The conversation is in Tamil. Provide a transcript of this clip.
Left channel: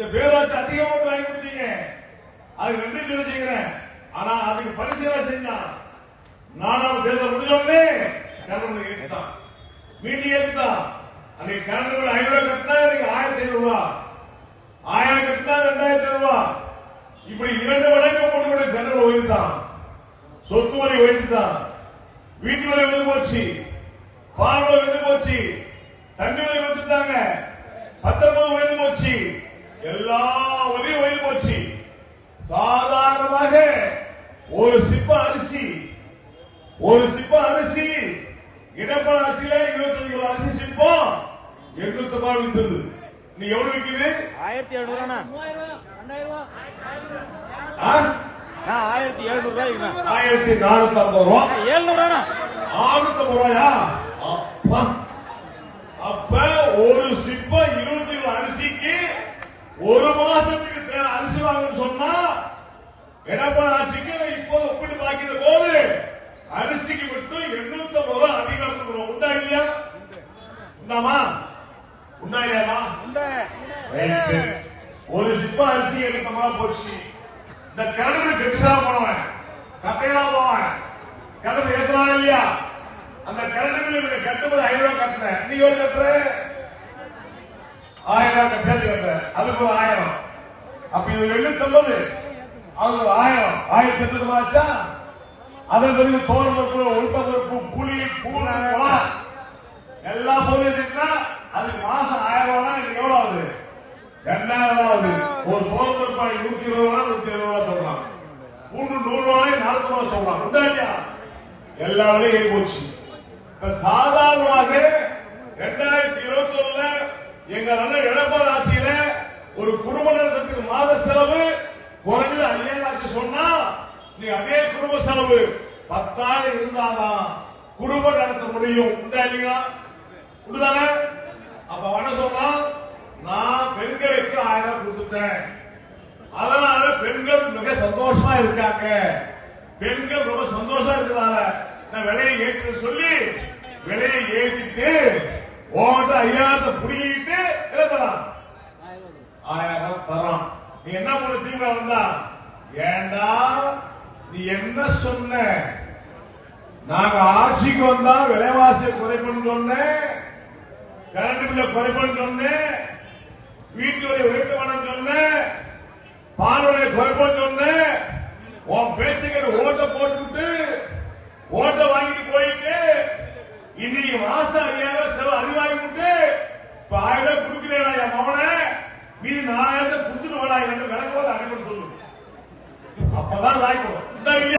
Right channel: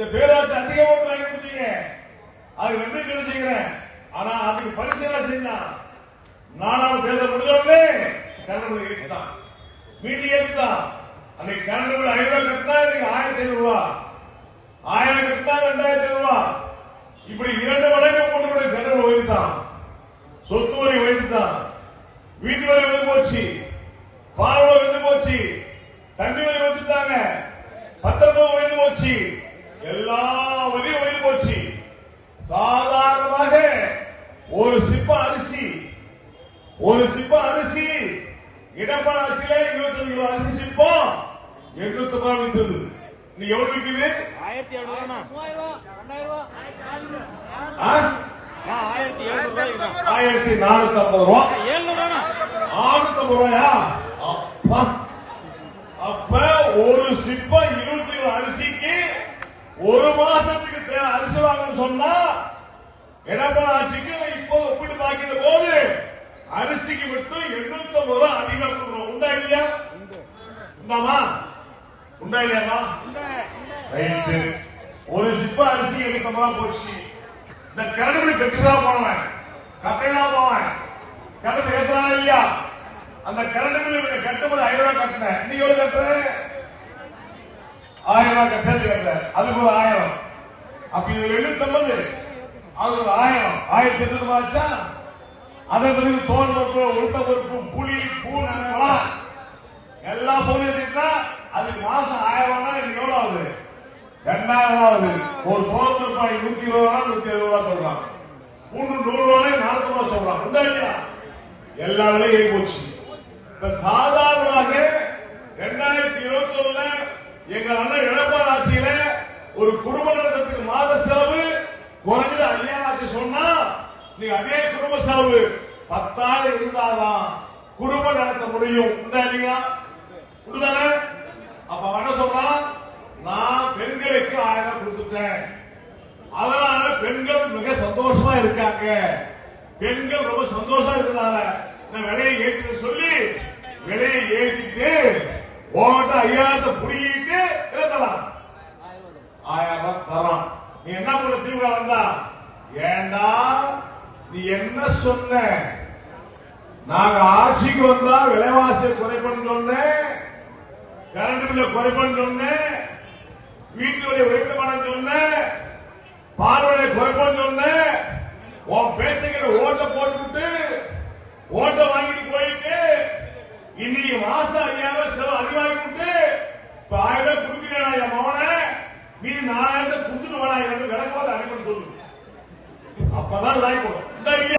இந்த பேராட்சி அதிக ஓட்டு வாங்கி கொடுத்தீங்க, அது நன்றி தெரிஞ்சுக்கிறேன். ஆனா அதுக்கு பரிசீலனை செஞ்சான். 4ஆம் தேர்தல் முடிஞ்சோடனே கரண்ட் ஏற்றுதான், மீட்டிங் ஏற்றுதான். அன்னைக்கு கரண்ட் 500 கட்டினா இன்னைக்கு 1500 ரூபாய், 1000 கட்டினா 2000 ரூபாய், இப்படி 2 மடங்கு போட்டு கரண்ட் உயர்த்தான். சொத்து வரி உயர்த்தான், வீட்டு வரி வந்து போச்சு, பால் வரி வந்து போச்சு, தண்ணி வரி வந்துட்டாங்க, பத்திரப்பதிவு உயர்ந்து போச்சு, எல்லா வரியும் உயர்ந்து போச்சு. சாதாரணமாக ஒரு சிப்ப அரிசி எடப்பாடி ஆட்சியில 25 கிலோ அரிசி சிப்பம் 800 ரூபாய் விற்றது. நீ எவ்வளவு விற்குது? 1700 ரூபாய். 1450 ரூபாய். 650 ரூபாயா? அப்ப ஒரு சிப்ப 20 கிலோ அரிசிக்கு ஒரு மாசத்துக்கு தேவை அரிசி வாங்கணும்னு சொன்னா எடப்பாடி ஆட்சிக்கு இப்போ ஒப்பிட்டு பார்க்கிற போது அரிசிக்கு மட்டும் 850 ரூபாய் அதிகம் கொடுக்கணும். உண்டா இல்லையா? உண்டாமா? உண்டா இல்லையாமா? ஒரு சிப்ப அரிசி 850 ரூபாய் போச்சு. இந்த கரடு கெட்டுதா போனவன், கட்டையா போவன், கரடு ஏத்துறா இல்லையா? அந்த கரண்டு கட்டும்போது 500 ரூபாய் கட்டினேன், நீ எவ்வளவு கட்டுற? 1000 ரூபாய் சேர்த்து கட்டுற, அதுக்கு ஒரு 1000. அப்ப இது 750, அது ஒரு 1000, 1800 ரூபாய் ஆச்சா? அதன் பிறகு தோல் பொறுப்பு, உளுத்த பொறுப்பு, புளி, பூண்டு எல்லாம் சொல்லிட்டா அதுக்கு மாசம் 1000 ரூபாய். எனக்கு எவ்வளவு ஆகுது? 2000 ஆகுது. ஒரு தோல் பொறுப்பு 120 ரூபாய், 170 ரூபாய் சொல்றான். பூண்டு 100 ரூபாய், 40 ரூபாய் சொல்றான். உண்டா இல்லையா? எல்லா விலையும் ஏறி போச்சு. சாதாரணமாக 2021 எங்க அண்ணன் எடப்பாடி ஆட்சியில ஒரு குடும்ப நடத்தத்துக்கு மாத செலவு குறைஞ்சது 5000 ஆச்சு சொன்னா, நீ அதே குடும்ப செலவு 10,000 இருந்தாதான் குடும்ப நடத்த முடியும். இல்லையா? உண்டுதானே? அப்ப என்ன சொல்றான்? நான் பெண்களுக்கு 1000 கொடுத்துட்டேன், அதனால பெண்கள் மிக சந்தோஷமா இருக்காங்க, பெண்கள் ரொம்ப சந்தோஷமா இருக்கிறதால நான் விலையை ஏற்று சொல்லி விலையை ஏற்றிட்டு உன்கிட்ட 5000 புடிங்கிட்டு என்ன தரான்? 1000 தரான். நீ என்ன பண்ண? திமுக வந்தா ஏண்டா நீ என்ன சொன்ன? நாங்க ஆட்சிக்கு வந்தா விலைவாசியை குறைப்பன்னு சொன்னேன், கரண்ட் பில்ல குறைப்பன்னு சொன்னேன், வீட்டு வரை உயர்த்த மாட்டேன்னு சொன்னேன், பால் விலை குறைப்பன்னு சொன்னேன். உன் பேச்சுக்கிற ஓட்ட போட்டுவிட்டு ஓட்ட வாங்கிட்டு போயிட்டு இன்னைக்கு மாசம் 5000 செலவு அதிகமாகிட்டு 1000 கொடுக்கிறேன் என் மகனை, மீதி 4000 கொடுத்துட்டு விளக்கவாத அனுப்பி சொல்லு. அப்பதான் லாய்க்கும்.